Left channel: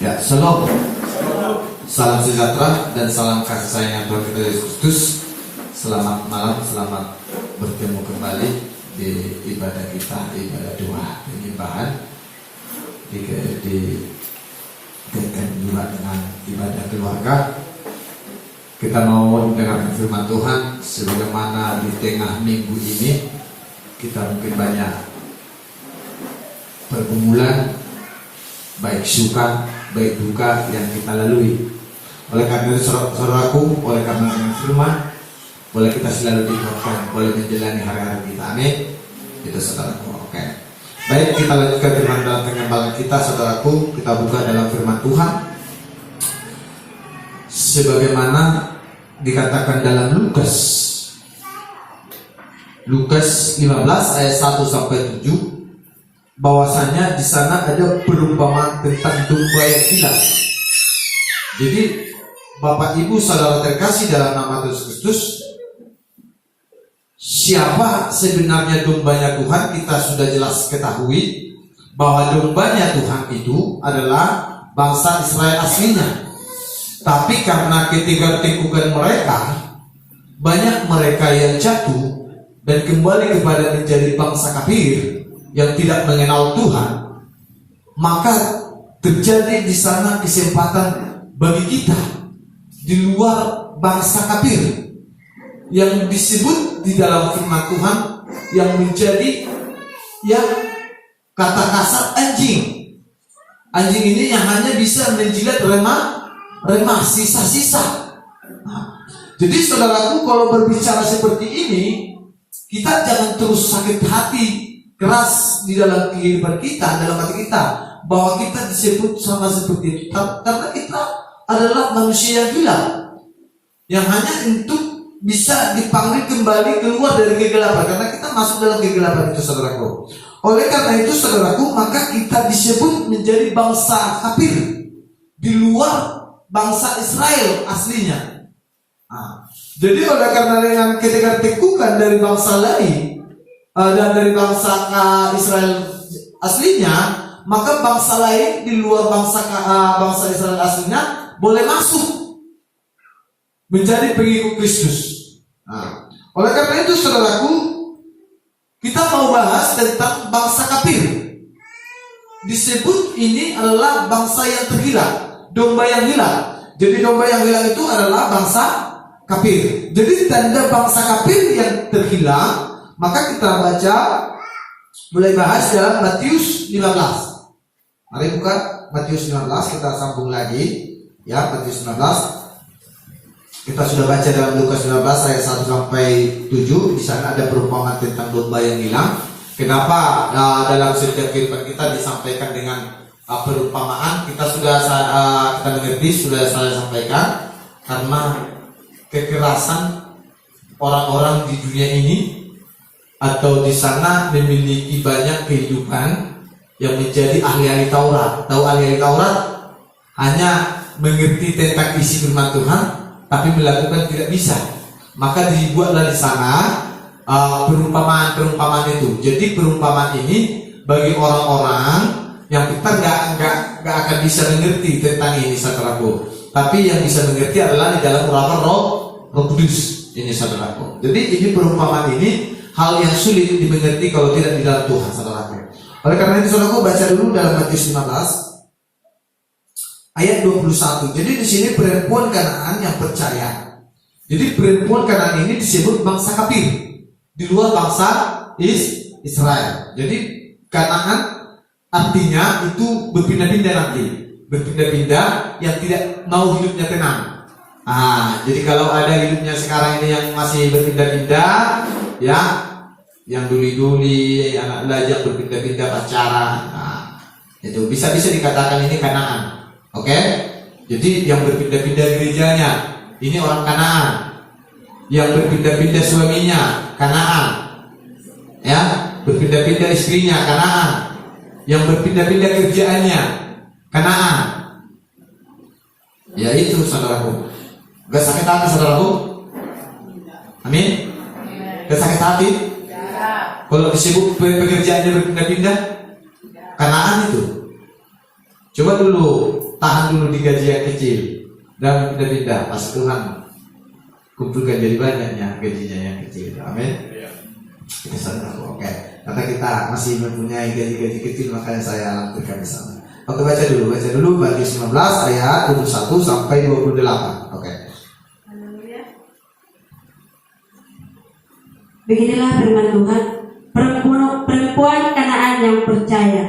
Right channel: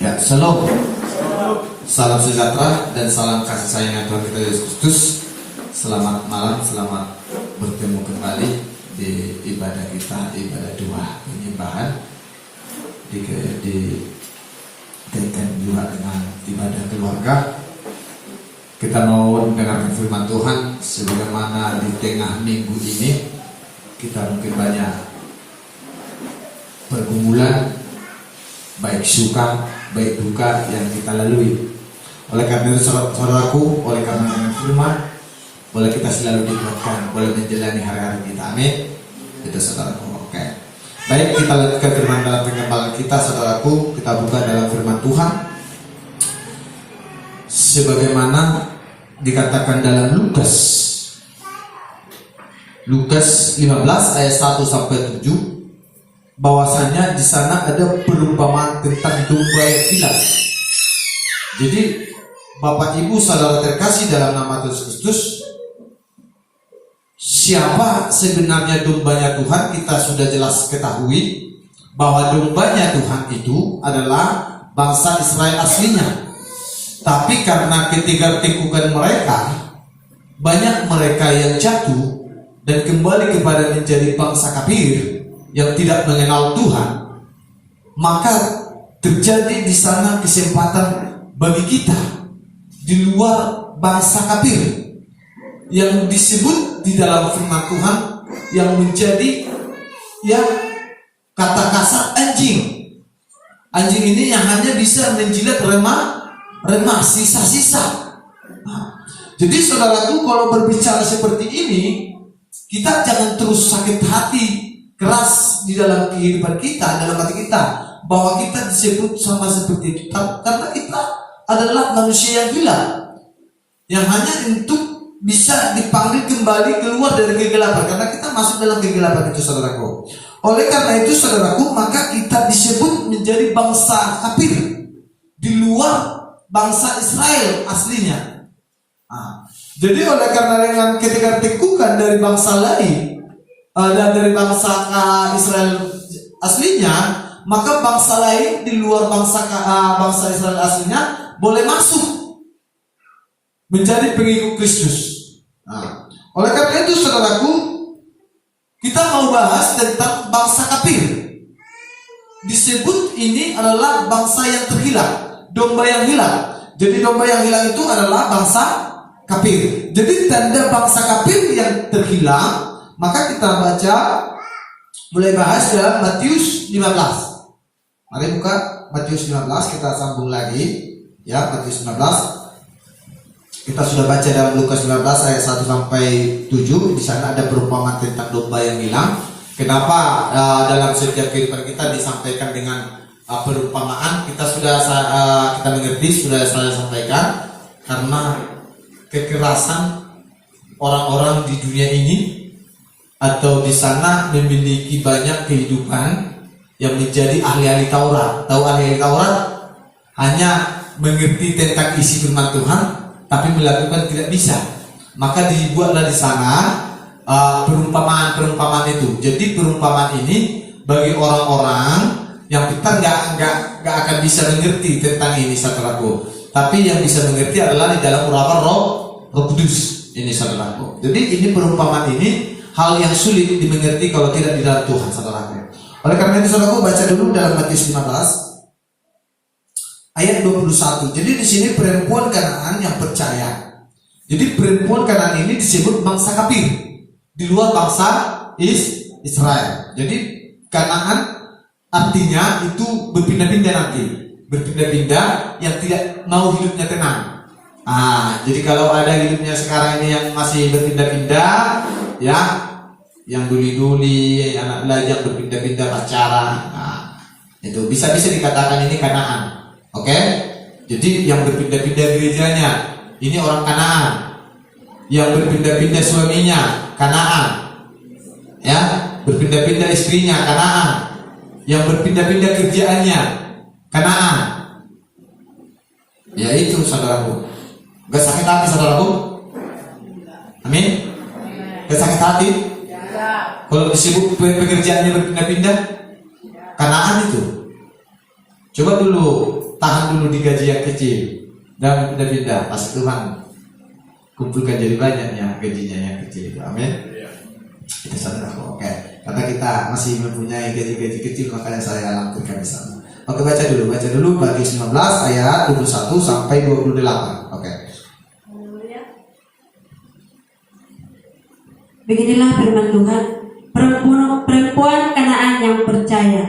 Ya, shalom. Salam sejahtera dan salam kasih sayang yang Tuhan kita Yesus Kristus. Selamat malam, selamat bertemu kembali di ibadah kita, ibadah doa penyembahan. Dikaitkan juga dengan ibadah keluarga. Kita mau mendengarkan firman Tuhan sebagaimana di tengah minggu ini kita mungkin banyak pergumulan, baik suka, baik duka yang kita lalui. Oleh karena itu saudaraku, oleh karena dengan firman, boleh kita selalu dikuatkan, boleh menjalani hari-hari kita. Amin. Itu saudaraku. Oke. Baik, kita lanjutkan firman dalam pengembangan kita, saudaraku. Kita buka dalam firman Tuhan. Sebagaimana dikatakan dalam Lukas 15 ayat 1 sampai 7, bahwasanya di sana ada perumpamaan tentang domba yang hilang. Jadi Bapak Ibu saudara terkasih dalam nama Yesus Kristus, siapa sebenarnya dombanya Tuhan kita sudah jelas ketahui, bahwa dombanya Tuhan itu adalah bangsa Israel aslinya. Tapi karena ketidakteguhan mereka, banyak mereka yang jatuh dan kembali kepada menjadi bangsa kafir yang tidak mengenal Tuhan, maka terjadi di sana kesempatan bagi kita di luar bangsa kafir yang disebut di dalam firman Tuhan yang menjadi yang kata kasar anjing. Anjing ini yang hanya bisa menjilat remah sisa-sisa. Jadi saudaraku, kalau berbicara seperti ini, kita jangan terus sakit hati keras di dalam kehidupan kita, dalam hati kita, bahwa kita disebut sama seperti itu, karena kita adalah manusia yang hilang, yang hanya untuk bisa dipanggil kembali keluar dari kegelapan, karena kita masuk dalam kegelapan itu, saudaraku. Oleh karena itu, saudaraku, maka kita disebut menjadi bangsa kafir di luar bangsa Israel aslinya. Jadi oleh karena yang ketika tegukan dari bangsa lain dan dari bangsa Israel aslinya, maka bangsa lain di luar bangsa Israel aslinya boleh masuk menjadi pengikut Kristus. Oleh karena itu, saudaraku, kita mau bahas tentang bangsa kafir. Disebut ini adalah bangsa yang terhilang, domba yang hilang. Jadi domba yang hilang itu adalah bangsa kafir. Jadi tanda bangsa kafir yang terhilang, maka kita baca, mulai bahas dalam Matius 15. Mari buka Matius 15, kita sambung lagi. Ya, Matius 15. Kita sudah baca dalam Lukas 19 ayat 1 sampai 7. Di sana ada perumpamaan tentang domba yang hilang. Kenapa dalam setiap kehidupan kita disampaikan dengan perumpamaan? Kita sudah kita mengerti, sudah saya sampaikan, karena kekerasan orang-orang di dunia ini atau di sana memiliki banyak kehidupan yang menjadi ahli-ahli Taurat. Tahu ahli-ahli Taurat? Hanya mengerti tentang isi firman Tuhan, tapi melakukan tidak bisa. Maka dibuatlah di sana perumpamaan itu. Jadi perumpamaan ini bagi orang-orang yang kita nggak akan bisa mengerti tentang ini, saudaraku. Tapi yang bisa mengerti adalah di dalam urapan Roh Kudus ini, saudaraku. Jadi ini perumpamaan ini hal yang sulit dimengerti kalau tidak di dalam Tuhan, saudaraku. Oleh karena itu, saudaraku, baca dulu dalam Matius 15 ayat 21. Jadi di sini perempuan Kanaan yang percaya. Jadi perempuan Kanaan ini disebut bangsa kafir di luar bangsa Israel. Jadi Kanaan artinya itu berpindah-pindah nanti, berpindah-pindah yang tidak mau hidupnya tenang. Jadi kalau ada hidupnya sekarang ini yang masih berpindah-pindah, ya, yang duli-duli, yang lajang berpindah-pindah pacaran, itu bisa dikatakan ini Kanaan. Oke? Jadi yang berpindah-pindah gerejanya ini orang Kanaan, yang berpindah-pindah suaminya Kanaan, ya, berpindah-pindah istrinya Kanaan, yang berpindah-pindah kerjaannya Kanaan. Ya itu, saudaraku. Gak sakit hati, saudaraku? Amin? Gak sakit hati? Kalau disebut pekerjaannya berpindah-pindah, Kanaan itu. Coba dulu tahan dulu di gaji yang kecil dan pindah-pindah pas Tuhan kumpulkan jadi banyaknya gajinya yang kecil. Amin. Kita sadar oke. Karena kita masih mempunyai gaji-gaji kecil, makanya saya lampirkan di sana. Oke, baca dulu Matius 15 ayat 21 sampai 28. Oke. Haleluya. Beginilah firman Tuhan, perempuan Kanaan yang percaya.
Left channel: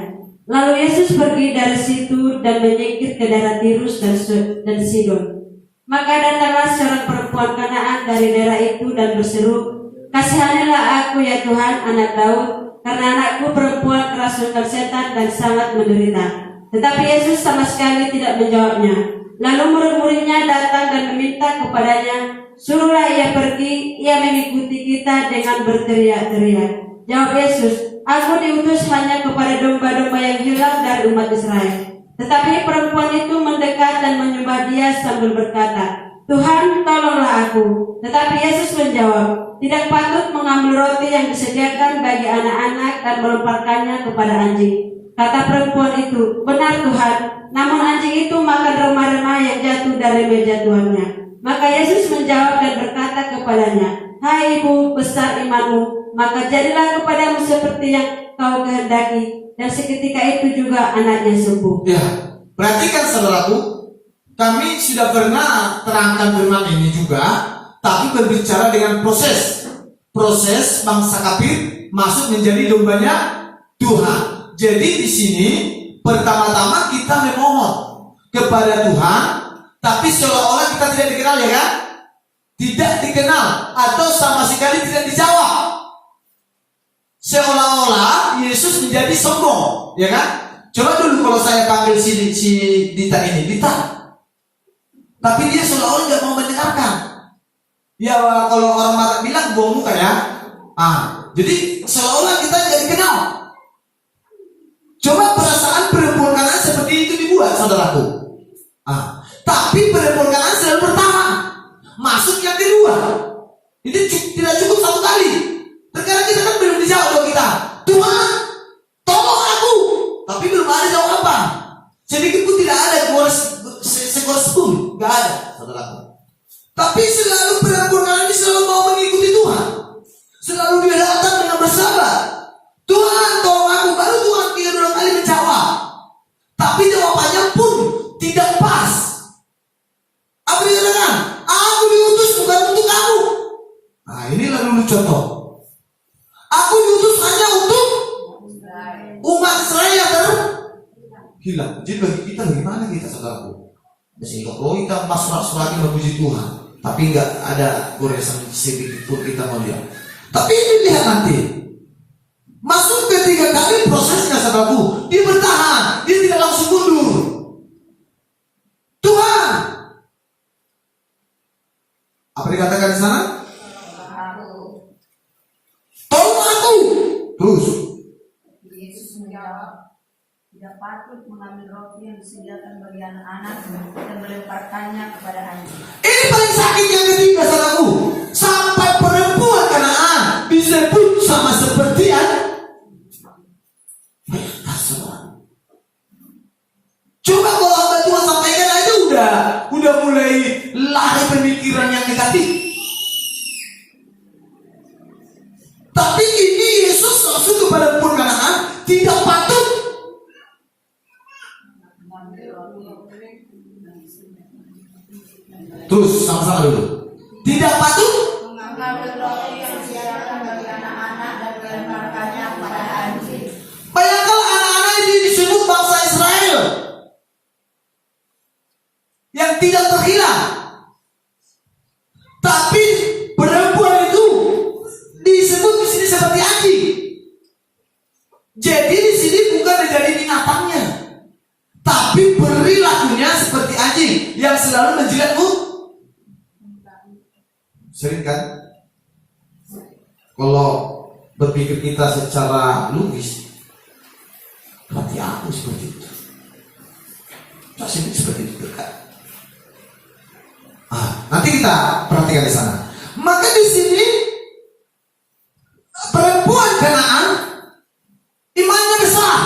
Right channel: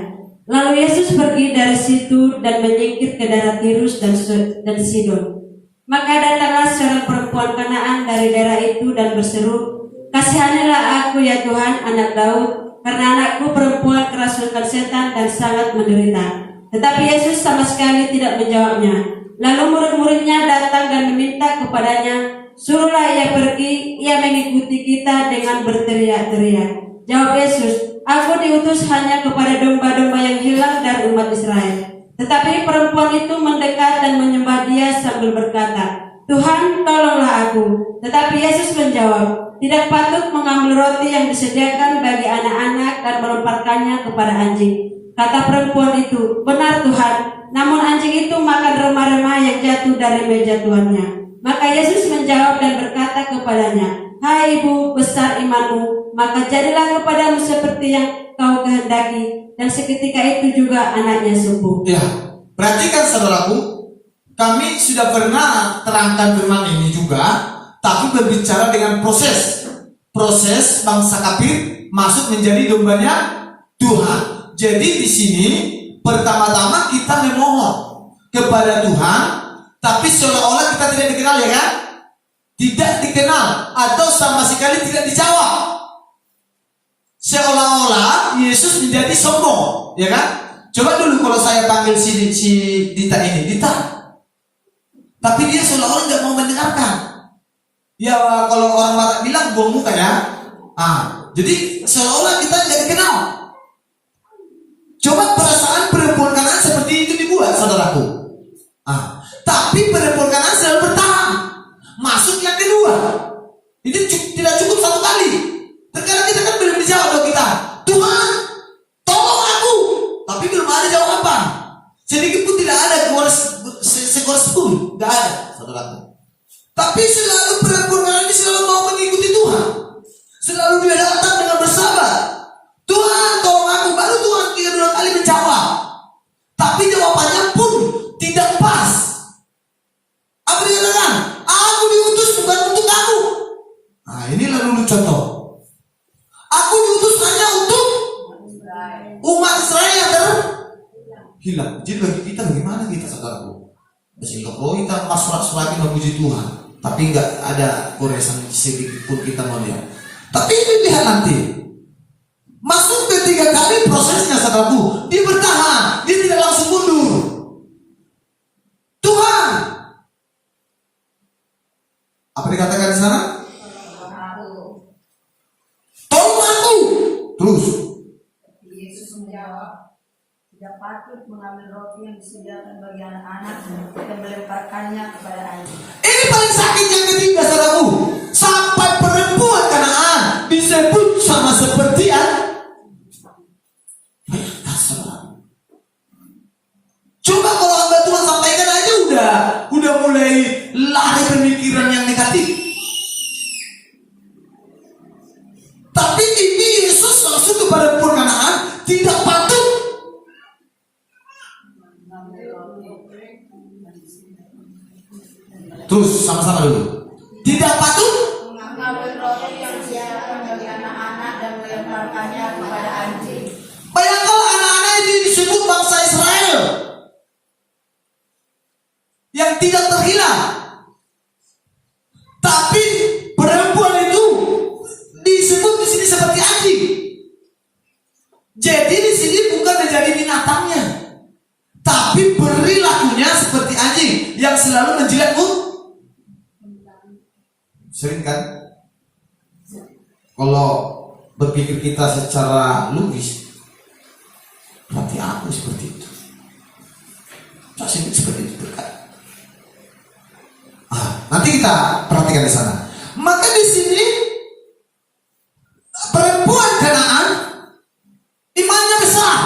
Lalu Yesus pergi dari situ dan menyingkir ke daerah Tirus dan Sidon. Maka datanglah seorang perempuan Kanaan dari daerah itu dan berseru, "Kasihanilah aku ya Tuhan, anak Daud, karena anakku perempuan kerasukan setan dan sangat menderita." Tetapi Yesus sama sekali tidak menjawabnya. Lalu murid-muridnya datang dan meminta kepadanya, "Suruhlah ia pergi, ia mengikuti kita," dengan berteriak-teriak. Jawab Yesus, "Aku diutus hanya kepada domba-domba yang hilang dari umat Israel." Tetapi perempuan itu mendekat dan menyembah Dia sambil berkata, "Tuhan, tolonglah aku." Tetapi Yesus menjawab, "Tidak patut mengambil roti yang disediakan bagi anak-anak dan melemparkannya kepada anjing." Kata perempuan itu, "Benar Tuhan, namun anjing itu makan remah-remah yang jatuh dari meja tuannya." Maka Yesus menjawab dan berkata kepadanya, "Hai ibu, besar imanmu, maka jadilah kepadamu seperti yang kau kehendaki." Dan seketika itu juga anaknya sembuh. Ya, perhatikan saudaraku, kami sudah pernah terangkan firman ini juga, tapi berbicara dengan proses bangsa kafir masuk menjadi dombanya Tuhan. Jadi di sini pertama-tama kita memohon kepada Tuhan, tapi seolah-olah kita tidak dikenal, ya kan? Tidak dikenal atau sama sekali tidak dijawab. Seolah-olah Yesus menjadi sombong, ya kan? Coba dulu kalau saya panggil si Dita ini, Dita, tapi dia seolah-olah tidak mau mendengarkan. Ya kalau orang Barat bilang buang muka ya. Jadi seolah-olah kita tidak dikenal. Coba perasaan perempuan Kanaan seperti itu dibuat, saudaraku. Tapi perempuan Kanaan selalu bertahan. Masuk yang kedua. Ini tidak cukup satu kali. Terkadang kita kan belum dijawab oleh kita. "Tuhan, tolong aku." Tapi belum ada jawaban. Sedikit pun tidak ada skor 10, tidak ada, saudaraku. Tapi selalu perempuan Kanaan ini selalu mau mengikuti Tuhan. Selalu dia datang dengan bersabar. "Tuhan, tolong aku." Baru Tuhan 3 kali menjawab. Tapi jawabannya pun tidak pas. Apa dia katakan? "Aku diutus bukan untuk kamu." Inilah dulu contoh. "Aku diutus hanya untuk umat Israel yang hilang." Jadi bagi kita, bagaimana kita, saudaraku? Sehingga kita pasrah-pasrah memuji Tuhan, tapi nggak ada goresan sedikit pun kita melihat. Tapi ini lihat nanti. Masuk ketiga kali prosesnya, saudaraku, dia bertahan, dia tidak langsung mundur. "Tuhan," apa dikatakan di sana? "Tolong aku." Terus Yesus menjawab, "Tidak patut mengambil roti yang disediakan bagi anak-anak dan melemparkannya kepada anjing." ini paling sakit yang ketiga, saudaraku. Sampai perempuan Kanaan disebut sama seperti Coba kalau hamba Tuhan sampaikan aja udah mulai lari pemikiran yang negatif. Tapi ini Yesus langsung kepada perempuan Kanaan, "Tidak patut." Terus sama-sama dulu. "Tidak patut mengambil roti yang disediakan bagi anak-anak dan melemparkannya kepada anjing." Bayangkan anak-anak ini disebut bangsa Israel yang tidak terhilang. Tapi perempuan itu disebut di sini seperti anjing. Jadi di sini bukan menjadi binatangnya, tapi perilakunya seperti anjing yang selalu menjilatmu. Sering kan? Kalau berpikir kita secara logis, berarti aku seperti itu. Saya seperti itu kan? Nanti kita perhatikan di sana. Maka di sini perempuan Kanaan imannya besar.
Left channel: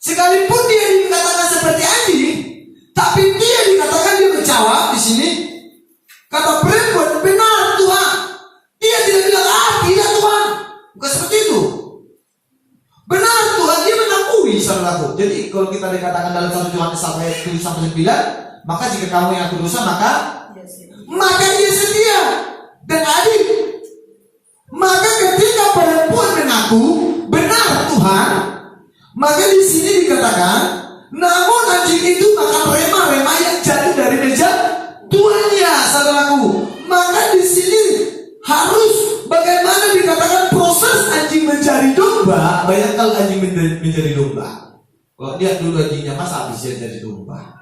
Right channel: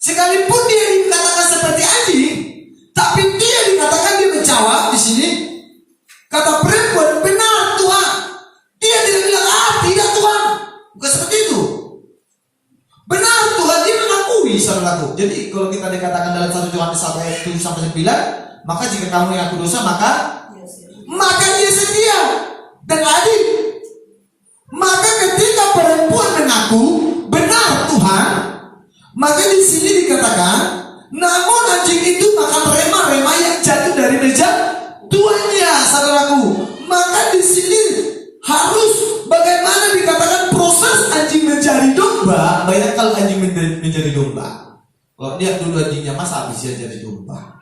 Sekalipun dia dikatakan seperti anjing, ketahui saudaraku. Jadi kalau kita dikatakan dalam 1 Yohanes 1:7-9, maka jika kamu yang aku dosa maka dia setia dan adil. Maka ketika perempuan mengaku benar Tuhan, maka di sini dikatakan, namun anjing itu makan rema-rema yang jatuh dari meja tuannya, saudaraku. Maka di sini harus bagaimana dikatakan proses anjing mencari domba. Banyak kalau anjing menjadi domba. Kalau lihat dulu anjingnya Mas habis dia jadi domba.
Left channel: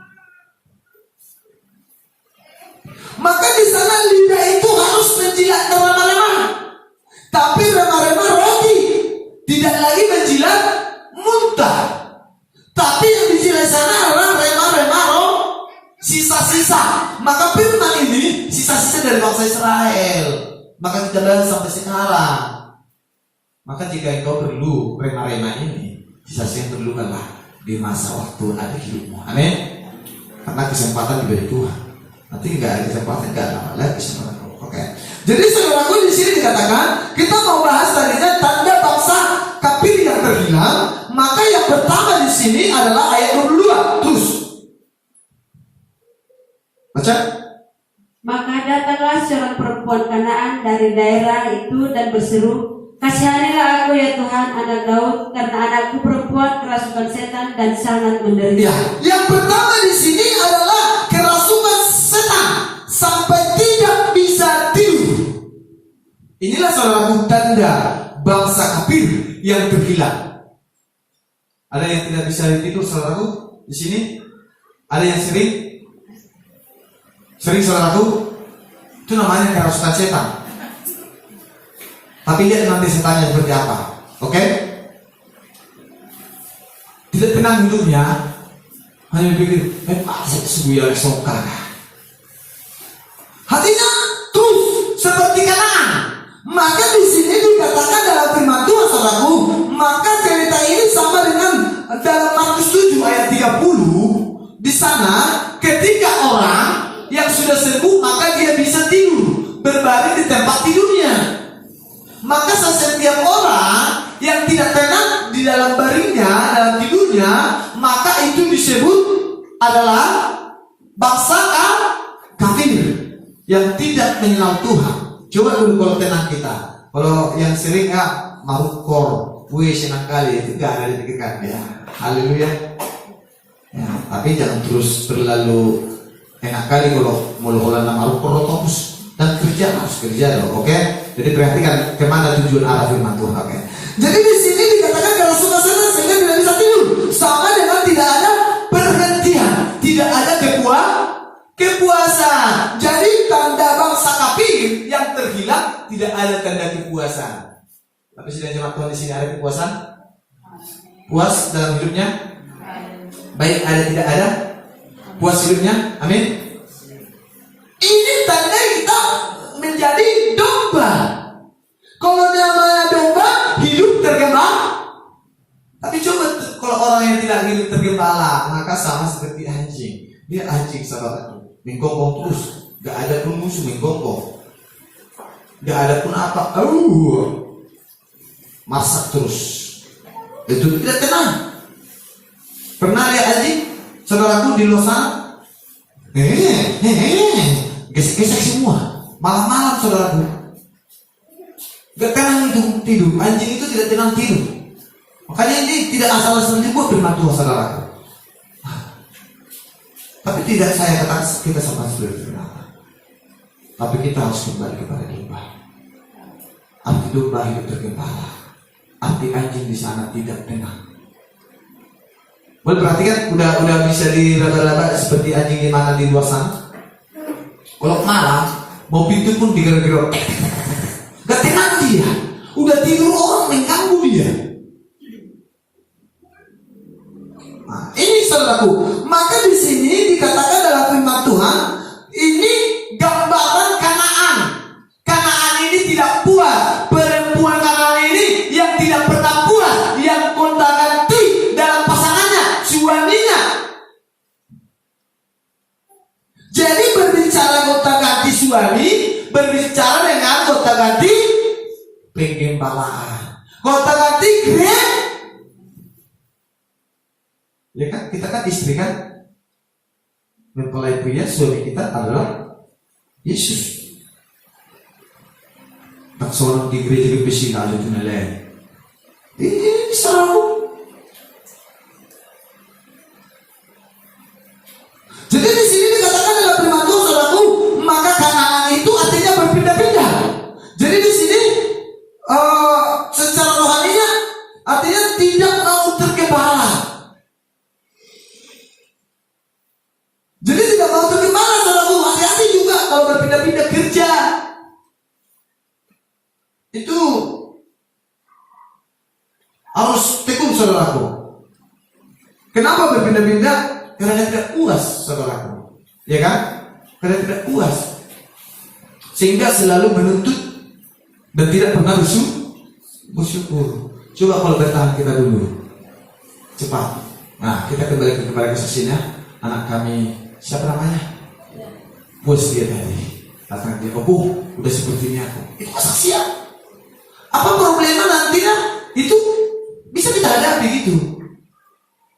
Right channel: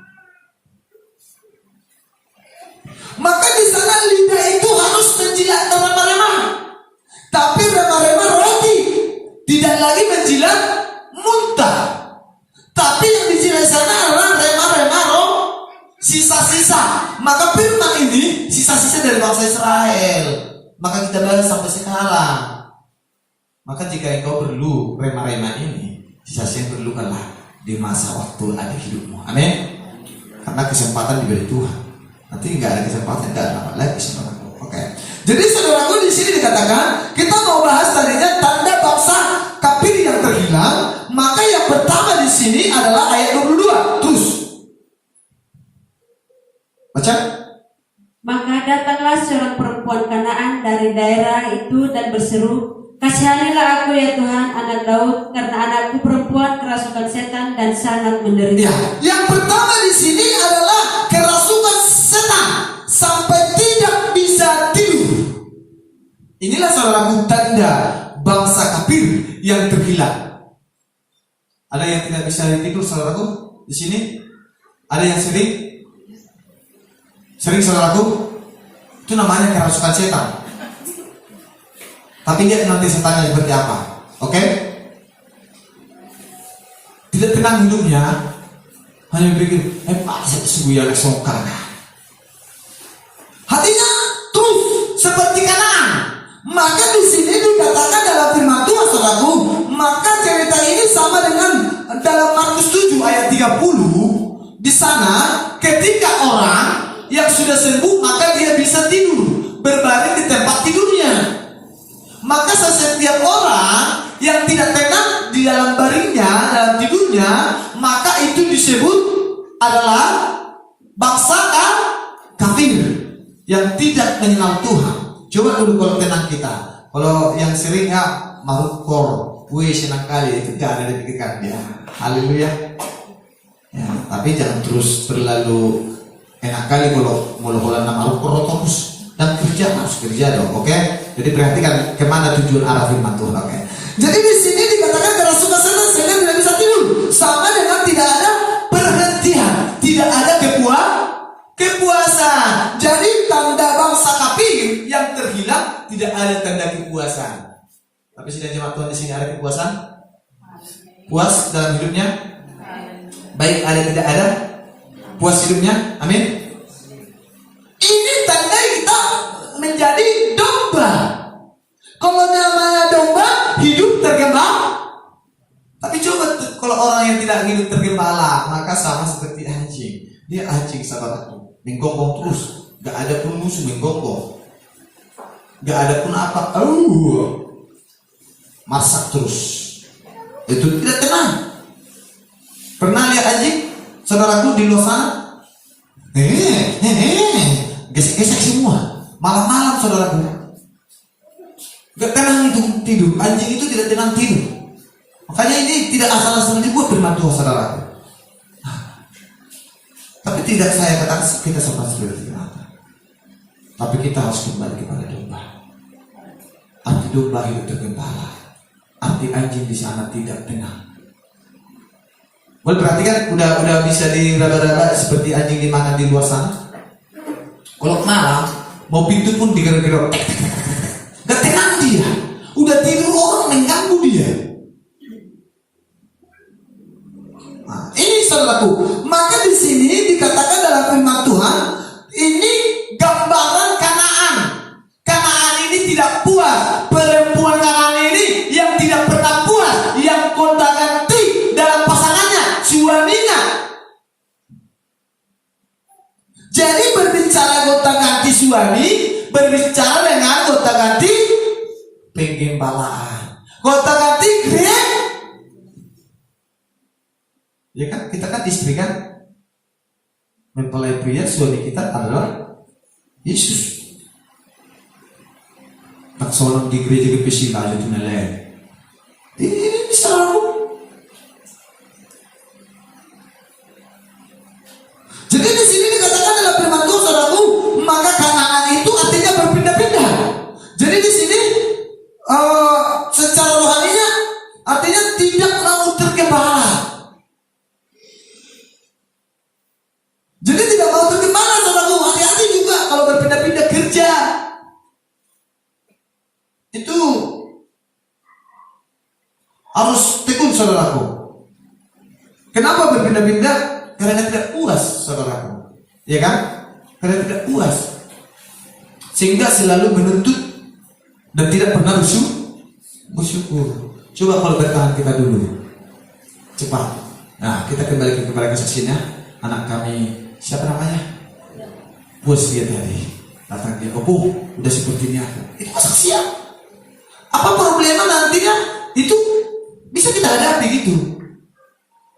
Maka di sana lidah itu harus menjilat rema-rema. Tapi rema-rema roti, tidak lagi menjilat muntah. Tapi yang dijilat sana adalah rema-rema roh, sisa-sisa. Maka firman ini sisa-sisa dari bangsa Israel. Maka kita lihat sampai sekarang. Maka jika engkau perlu rema-rema ini, sisa-sisa yang perlu adalah di masa waktu ada hidupmu. Amin. Karena kesempatan diberi Tuhan. Nanti nggak ada kesempatan, nggak ada lagi kesempatan. Oke. Jadi saudaraku di sini dikatakan kita mau bahas tadinya tanda bangsa kafir yang terhilang. Maka yang pertama di sini adalah ayat 22. Terus baca. Maka datanglah seorang perempuan Kanaan dari daerah itu dan berseru, kasihanilah aku ya Tuhan, anak Daud, karena anakku perempuan kerasukan setan dan sangat menderita. Ya, yang pertama di sini adalah kerasukan setan sampai tidak bisa tidur. Inilah saudaraku tanda bangsa kafir yang terhilang. Ada yang tidak bisa tidur saudaraku di sini? Ada yang sering saudaraku? Itu namanya kerasukan setan. Tapi lihat nanti setannya seperti apa. Oke? Tidak tenang hidupnya. Hanya pikir, saya sokar. Hatinya terus seperti Kanaan. Maka di sini dikatakan dalam firman Tuhan saudaraku, maka cerita ini sama dengan dalam Markus 7 ayat 30. Di sana ketika orang yang sudah sembuh maka dia bisa tidur berbaring di tempat tidurnya. Maka setiap orang yang tidak tenang di dalam baringnya, dalam tidurnya, maka itu disebut adalah bangsa kafir yang tidak mengenal Tuhan. Coba dulu kalau tenang kita. Kalau yang sering marukor, senang kali itu gak ada dipikirkan ya. Haleluya. Ya, tapi jangan terus berlalu enak kali kalau mula-mula marukor otopus dan kerja harus kerja dong, oke? Jadi perhatikan kemana tujuan arah firman Tuhan, oke? Jadi di sini dikatakan kerasukan setan sehingga tidak bisa tidur, sama dengan tidak ada perhentian, tidak ada kepuasan. Jadi tanda bangsa kafir yang terhilang tidak ada tanda kepuasan. Tapi sedang jemaat Tuhan di sini ada kepuasan? Puas dalam hidupnya? Baik ada tidak ada? Puas hidupnya? Amin. Ini tanda kita menjadi domba. Kalau namanya domba hidup tergembala. Tapi coba kalau orang yang tidak hidup tergembala, maka sama seperti anjing. Dia anjing saudara, menggonggong terus, gak ada pun musuh menggonggong, gak ada pun apa, masak terus. Itu tidak tenang. Pernah lihat anjing saudaraku di luar sana? Gesek-gesek semua. Malam-malam saudaraku gak tenang itu tidur. Anjing itu tidak tenang tidur. Makanya ini tidak asal-asalan dibuat firman Tuhan saudaraku. Tapi tidak saya katakan kita sama seperti itu. Tapi kita harus kembali kepada domba. Arti domba hidup tergembala. Arti anjing di sana tidak tenang. Boleh perhatikan udah bisa diraba-raba seperti anjing di mana di luar sana. Kalau malam mau pintu pun digerok-gerok. Gak tenang dia. Udah tidur orang mengganggu dia. Nah, ini saudaraku. Maka di sini dikatakan dalam firman Tuhan, ini gambaran Kanaan. Kanaan ini tidak puas. Perempuan Kanaan ini yang tidak pernah puas, yang gonta-ganti dalam pasangannya, suaminya. Jadi berbicara gonta-ganti suami, berbicara dengan gonta-ganti penggembalaan, gonta-ganti gereja. Ya kan, kita kan istri kan, mempelai pria suami kita adalah Yesus. Tak seorang di gereja kepesina ada tunai. Ini bisa lalu. Jadi di sini dikatakan dalam firman Tuhan, saudaraku, maka Kanaan itu artinya berpindah-pindah. Jadi di sini secara rohaninya artinya tidak mau tergembala. Jadi tidak mau tergembala, saudaraku. Hati-hati juga kalau berpindah-pindah kerja. Itu harus tekun, saudaraku. Kenapa berpindah-pindah? Karena tidak puas, saudaraku. Ya kan? Karena tidak puas. Sehingga selalu menuntut dan tidak pernah bersyukur. Coba kalau bertahan kita dulu. Cepat. Nah, kita kembali kepada kesaksiannya. Anak kami, siapa namanya? Bos dia tadi. Datang dia, "Bobo, udah seperti ini aku." Itu kesaksian. Apa problema nantinya? Itu bisa kita hadapi gitu.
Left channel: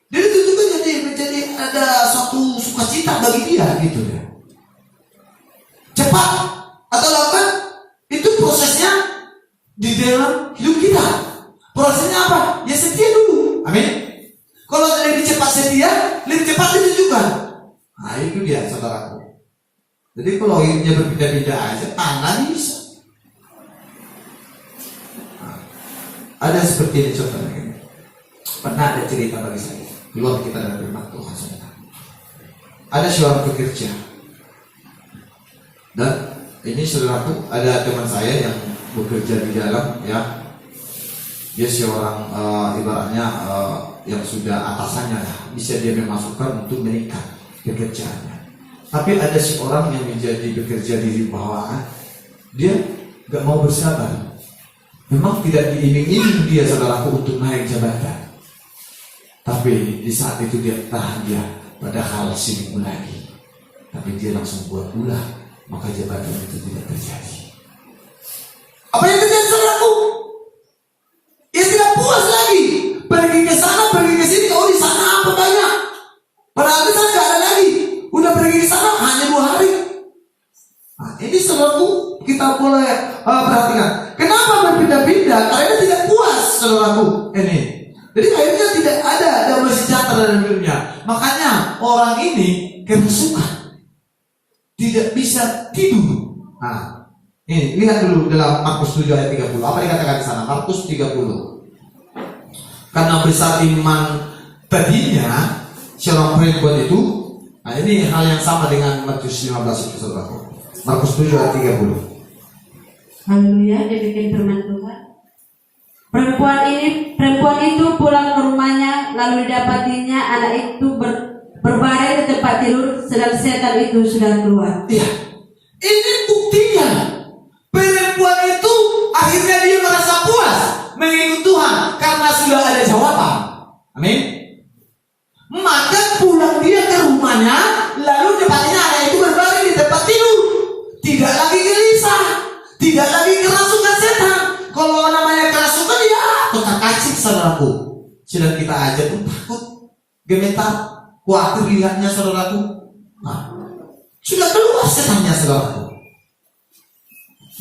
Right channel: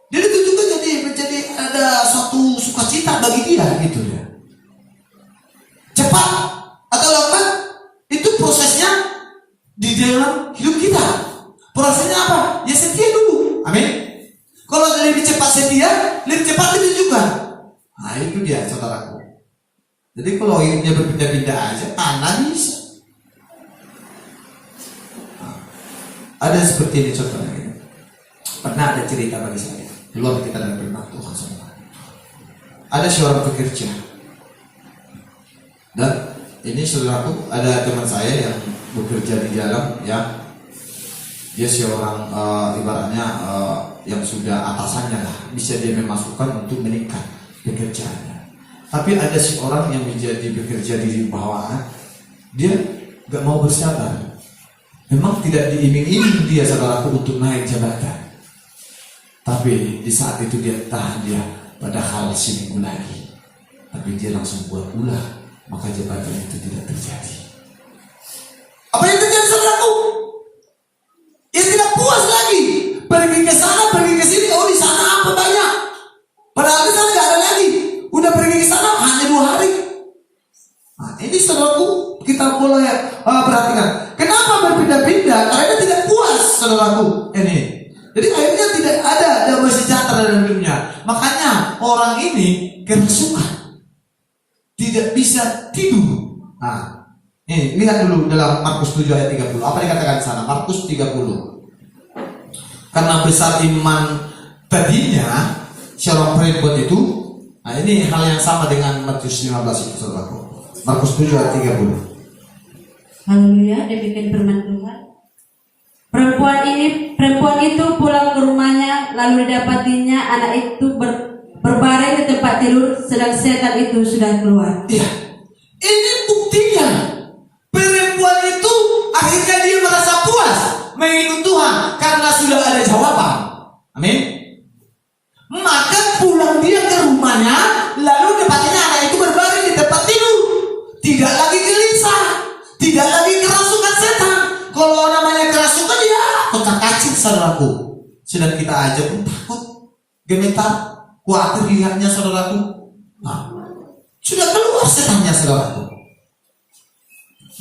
Jadi itu juga menjadi ada suatu sukacita bagi dia gitu ya. Cepat atau lambat itu prosesnya di dalam hidup kita. Prosesnya apa? Ya setia dulu. Amin. Kalau lebih cepat setia, lebih cepat itu juga. Nah itu dia, saudaraku. Jadi kalau hidupnya berpindah-pindah aja, tangan bisa. Nah, ada seperti ini contohnya. Pernah ada cerita bagi saya. Di luar kita dari firman Tuhan, saudara. Ada seorang pekerja. Dan ini saudaraku, ada teman saya yang bekerja di dalam, ya. Dia seorang ibaratnya yang sudah atasannya, bisa dia memasukkan untuk meningkat pekerjaannya. Tapi ada seorang yang menjadi bekerja di bawahan, dia gak mau bersabar. Memang tidak diiming-iming dia, saudaraku, untuk naik jabatan. Tapi di saat itu dia tahan dia padahal seminggu lagi. Tapi dia langsung buat ulah, maka jabatan itu tidak terjadi. Apa yang terjadi, saudaraku? Dia tidak puas lagi. Pergi ke sana, pergi ke sini. Oh, di sana apa banyak? Padahal di sana gak ada lagi. Udah pergi ke sana hanya 2 hari. Nah, ini saudaraku, kita boleh perhatikan. Kenapa berpindah-pindah? Karena tidak puas, saudaraku. Ini. Jadi akhirnya tidak ada damai sejahtera dalam hidupnya. Makanya orang ini kerasukan, tidak bisa tidur. Nah, ini lihat dulu dalam Markus 7 ayat 30. Apa dikatakan di sana? Markus 30. Karena besar iman tadinya seorang perempuan itu. Nah, ini hal yang sama dengan Matius 15 itu, saudaraku. Markus 7 ayat 30. Haleluya, demikian firman Tuhan. Perempuan itu pulang ke rumahnya, lalu didapatinya anak itu berbaring di tempat tidur, sedang setan itu sudah keluar. Iya, ini buktinya. Perempuan itu akhirnya dia merasa puas mengikut Tuhan karena sudah ada jawaban. Amin. Maka pulang dia ke rumahnya, lalu dapatnya anak itu berbaring di tempat tidur, tidak lagi gelisah, tidak lagi kerasukan setan. Kalau namanya kerasukan ya kotak-kacik, saudaraku. Sedang kita aja pun takut, gemetar, khawatir lihatnya, saudaraku. Nah, sudah keluar setannya, saudaraku.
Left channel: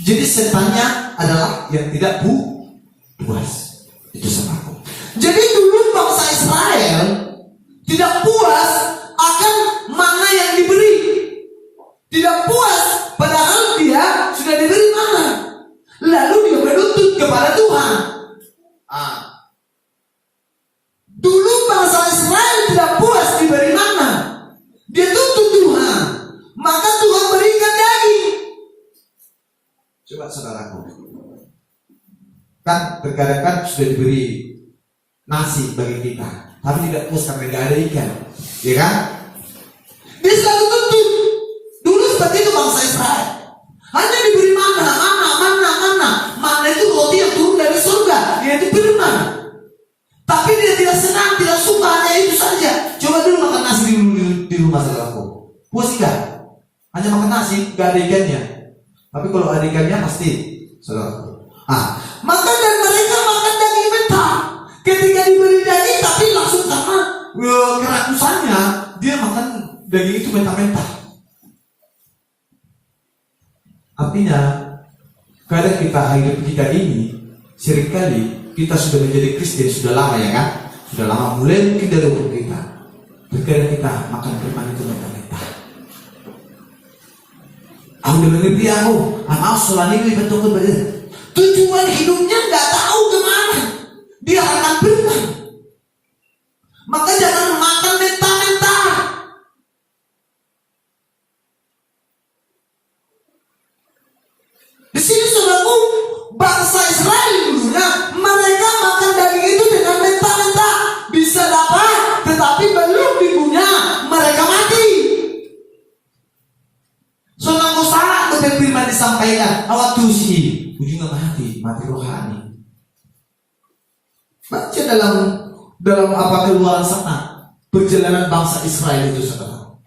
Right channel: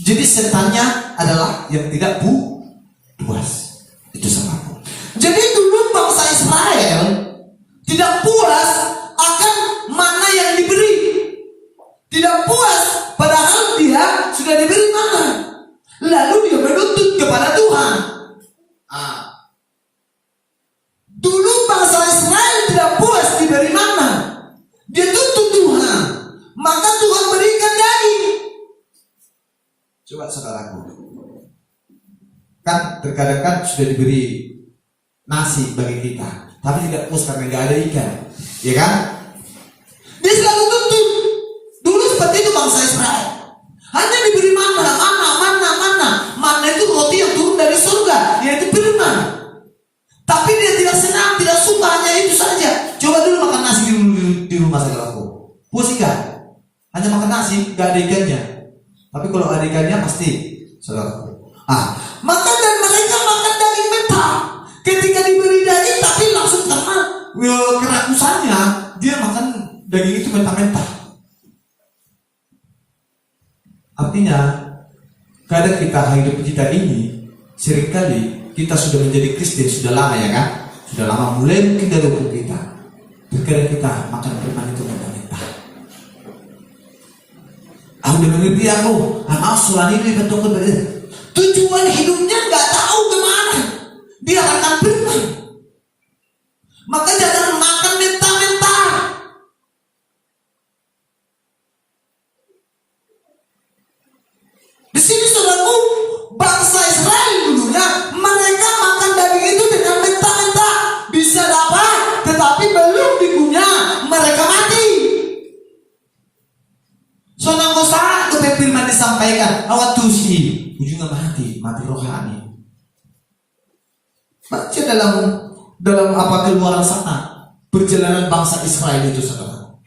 Jadi setannya adalah yang tidak puas. Itu saudaraku. Jadi dulu bangsa Israel tidak puas akan mana yang diberi. Tidak puas padahal dia sudah diberi mana. Lalu dia menuntut kepada Tuhan. Dulu bangsa Israel tidak puas diberi mana. Dia tuntut Tuhan. Maka Tuhan berikan daging. Coba saudaraku. Kan terkadang kan sudah diberi nasi bagi kita, tapi tidak puas karena tidak ada ikan. Ya kan? Dia selalu tuntut. Dulu seperti itu bangsa Israel. Hanya diberi mana. Mana itu roti yang turun dari surga, yaitu firman. Tapi dia tidak senang, tidak suka, hanya itu saja. Coba dulu makan nasi di rumah saudaraku. Puas enggak? Hanya makan nasi, gak ada ikannya. Tapi kalau ada ikannya pasti, saudaraku. Maka dan mereka makan daging mentah. Ketika diberi daging, tapi langsung karena mentah-mentah. Artinya, kadang kita hidup kita ini, seringkali kita sudah menjadi Kristen sudah lama ya kan? Sudah lama, mulai mungkin dari umur kita. Terkadang kita makan firman itu mentah-mentah. Aku udah mengerti aku, anak selama ini betul betul. Tujuan hidupnya nggak tahu kemana. Dia akan firman. Maka jangan makan mentah-mentah. Di sini saudaraku, bangsa Israel dulunya mereka makan daging itu dengan mentah-mentah, bisa dapat, tetapi belum dipunya mereka mati. Saudaraku saat firman disampaikan, awat tusi, ujungnya mati rohani. Baca dalam apa keluaran sana perjalanan bangsa Israel itu saudara.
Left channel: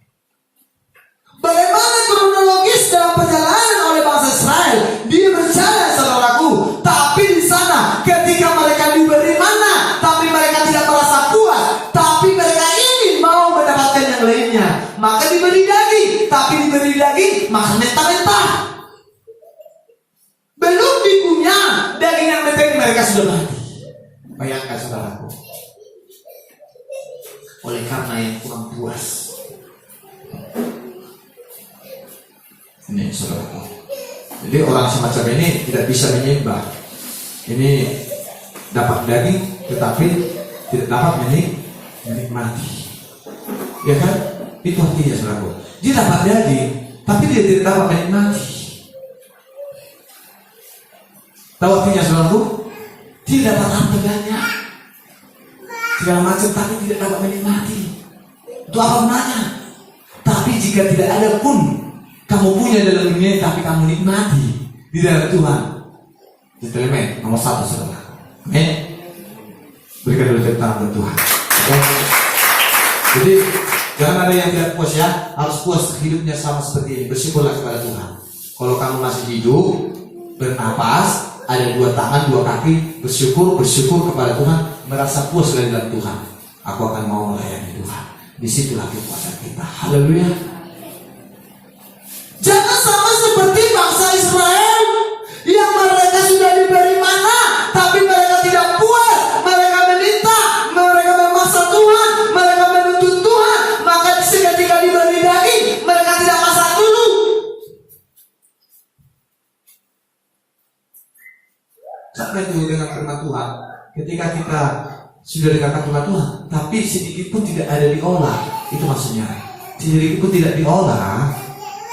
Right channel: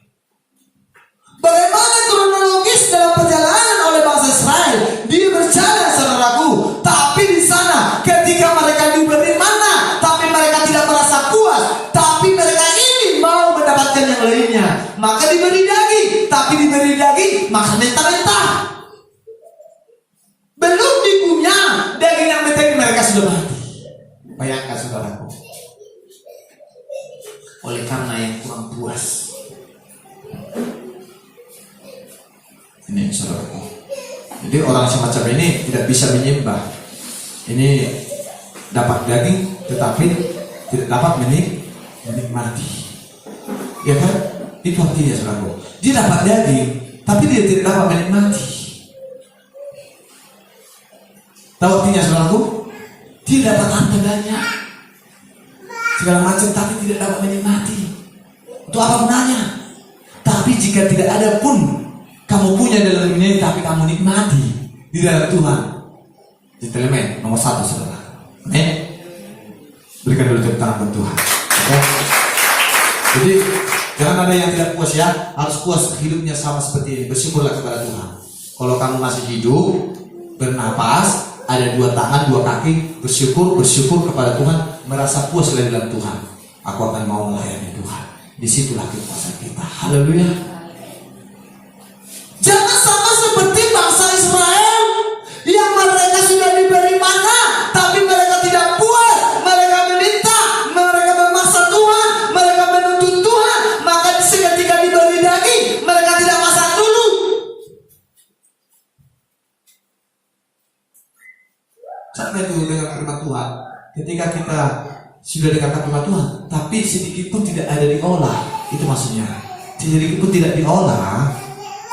Bagaimana kronologis dalam perjalanan oleh bangsa Israel? Dia berjalan saudaraku, tapi di sana ketika mereka diberi mana, tapi mereka tidak merasa puas, tapi mereka ingin mau mendapatkan yang lainnya, maka diberi daging, tapi diberi daging makan mentah-mentah. Belum dipunya daging yang mentah mereka sudah mati. Bayangkan saudaraku. Oleh karena yang kurang puas. Ini saudaraku. Jadi orang semacam ini tidak bisa menyembah. Ini dapat daging tetapi tidak dapat menikmati. Ya kan? Itu artinya saudaraku. Dia dapat daging tapi dia tidak dapat menikmati. Tahu artinya saudaraku? Dia dapat harta banyak, segala macam, tapi tidak dapat menikmati. Itu apa gunanya? Tapi jika tidak ada pun kamu punya dalam dunia, tapi kamu nikmati di dalam Tuhan. Gentleman nomor 1 saudara. Berikan dulu tepuk tangan buat Tuhan. Okay? Jadi jangan ada yang tidak puas ya. Harus puas hidupnya sama seperti ini. Bersyukurlah kepada Tuhan. Kalau kamu masih hidup, bernapas, ada 2 tangan, 2 kaki, bersyukur kepada Tuhan, merasa puas dari dalam Tuhan. Aku akan mau melayani Tuhan. Disitulah kepuasan kita. Haleluya. Jangan sama seperti bangsa Israel yang mereka sudah diberi mana, tapi mereka tidak puas. Mereka meminta, mereka memaksa Tuhan, mereka menuntut Tuhan. Maka ketika diberi daging, mereka tidak masak dulu. Jangan dulu dengan firman Tuhan. Ketika kita sudah dengarkan firman Tuhan, tapi sedikit pun tidak ada diolah, itu maksudnya. Sedikit pun tidak diolah,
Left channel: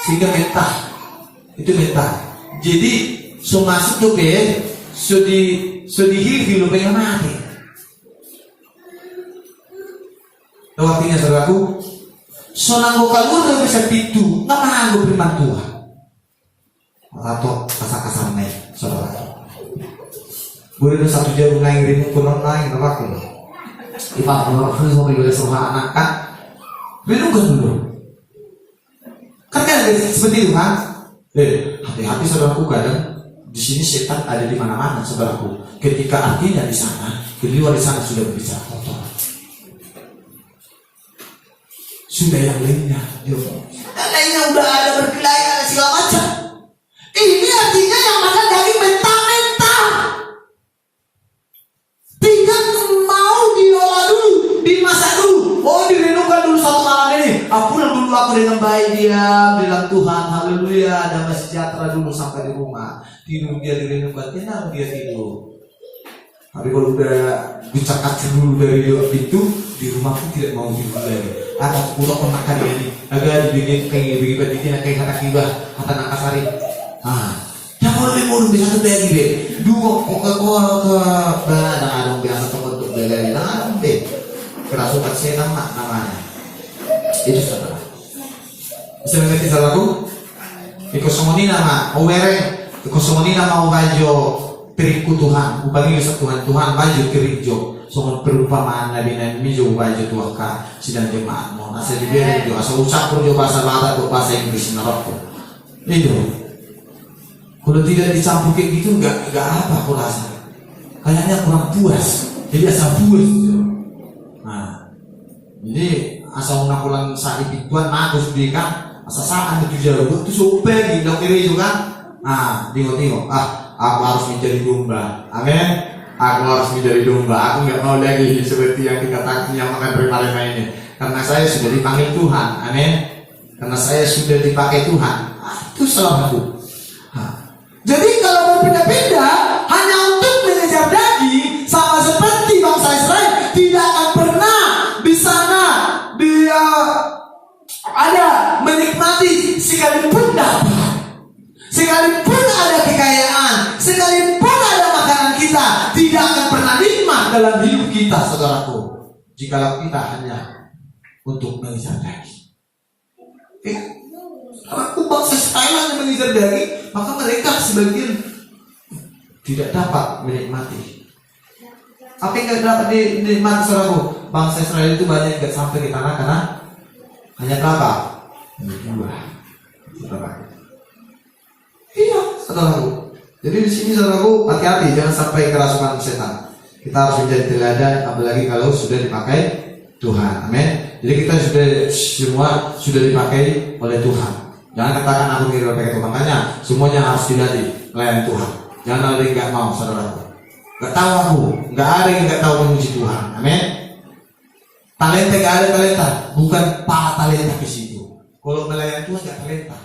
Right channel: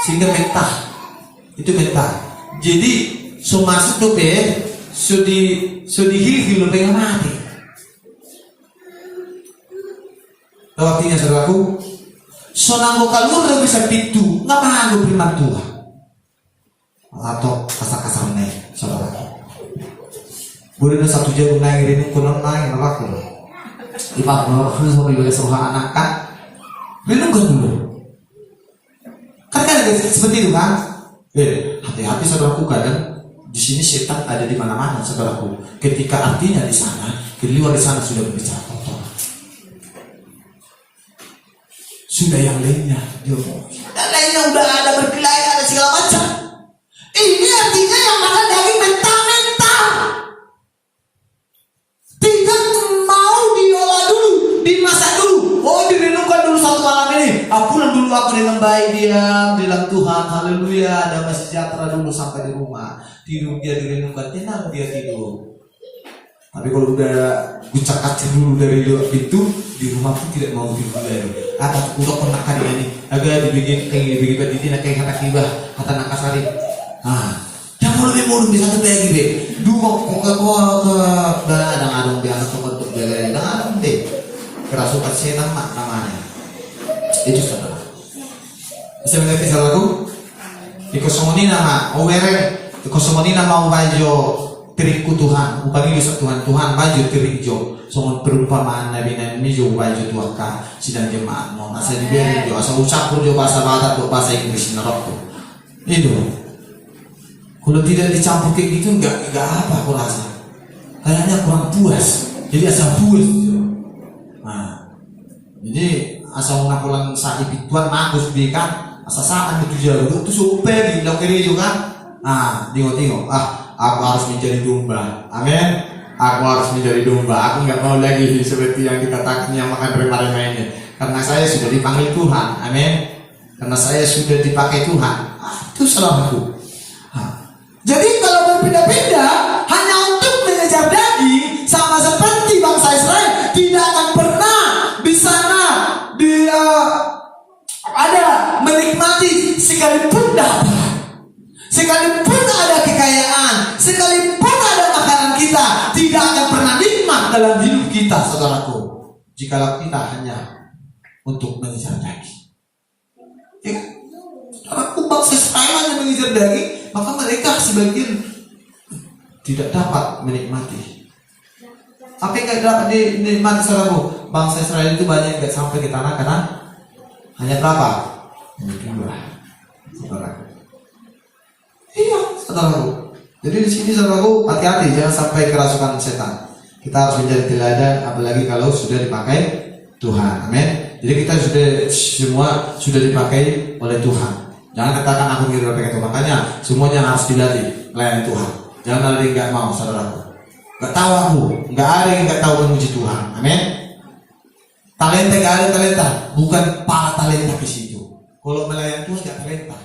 sehingga mentah. Itu mentah. Jadi so masuk tuh so dihil lo pengen mati. Tahu artinya saudaraku? So nanggo kalur lo bisa pitu, nggak paham firman Tuhan. Atau kasar-kasar naik, saudaraku. Boleh ada 1 jam ngairin kurang lain aku. Ipak harus mau bila seruah anak kan? Belum kan dulu. Karena ada seperti itu kan? Hati-hati saudaraku, kadang di sini setan ada di mana-mana saudaraku. Ketika artinya di sana, di luar di sana sudah berbicara kotor. Sudah yang lainnya, dan lainnya udah ada berkelayan ada segala macam. Ini artinya yang mana dari mentah-mentah. Tidak mau diolah dulu, dimasak dulu. Oh, direnungkan dulu 1 malam ini. Aku dengan baik dia bilang Tuhan, haleluya, damai sejahtera dulu sampai di rumah. Tidur dia direnungkan, tenang dia tidur. Tapi kalau udah dicakap dulu dari itu, di rumah pun tidak mau tidur lagi. Ada udah pernah kan ini, agak dibikin kayak betina kayak kata kiba, kata nakasari. Jangan lebih murung di satu kayak gitu. Dua pokok ada adung biasa untuk jaga jangan deh. Kerasukan setan namanya. Itu saudara. Bisa mengerti saudaraku? Ikosomoni nama Owere, ikosomoni nama Obajo teriku Tuhan, upani Tuhan baju terijo. Semua perumpamaan Nabi ini juga baju Tuhan sidang jemaat. Mau nasi diberi jo, asal ucap pun jo bahasa Batak, bahasa Inggris naroko. Itu. Kalau tidak dicampur kayak gitu, nggak apa aku rasa. Kayaknya kurang puas. Jadi asal puas gitu. Nah, jadi asal nakulan sa ipituan magus di kan asa saan itu jauh itu super di kiri itu kan. Nah, tengok, aku harus menjadi domba. Amin. Aku harus menjadi domba. Aku nggak mau lagi seperti yang dikatakannya makan rema-rema ini. Karena saya sudah dipanggil Tuhan. Amin. Karena saya sudah dipakai Tuhan. Itu salahku. Jadi kalau berbeda-beda hanya untuk mengejar daging, sama seperti bangsa Israel, tidak akan pernah di sana dia ada menikmati sekalipun dapat, sekalipun ada kekayaan, sekalipun ada makanan kita, tidak akan pernah nikmat dalam hidup kita, saudaraku, jikalau kita hanya untuk mengejar daging. Aku bangsa Israel hanya mengejar daging, maka mereka sebagian tidak dapat menikmati. Apa yang tidak dapat dinikmati, saudaraku? Bangsa Israel itu banyak yang tidak sampai ke tanah karena hanya berapa? Hanya 2, saudaraku. Iya, saudaraku. Jadi di sini, saudaraku, hati-hati jangan sampai kerasukan setan. Kita harus menjadi teladan, apalagi kalau sudah dipakai Tuhan. Amin. Jadi kita semua sudah dipakai oleh Tuhan. Jangan katakan aku tidak pakai Tuhan. Makanya semuanya harus dilatih melayani Tuhan. Jangan ada yang nggak mau, saudaraku. Nggak tahu aku, nggak ada yang nggak tahu memuji Tuhan. Amin. Talenta nggak ada talenta, bukan para talenta ke situ. Kalau melayani Tuhan nggak talenta.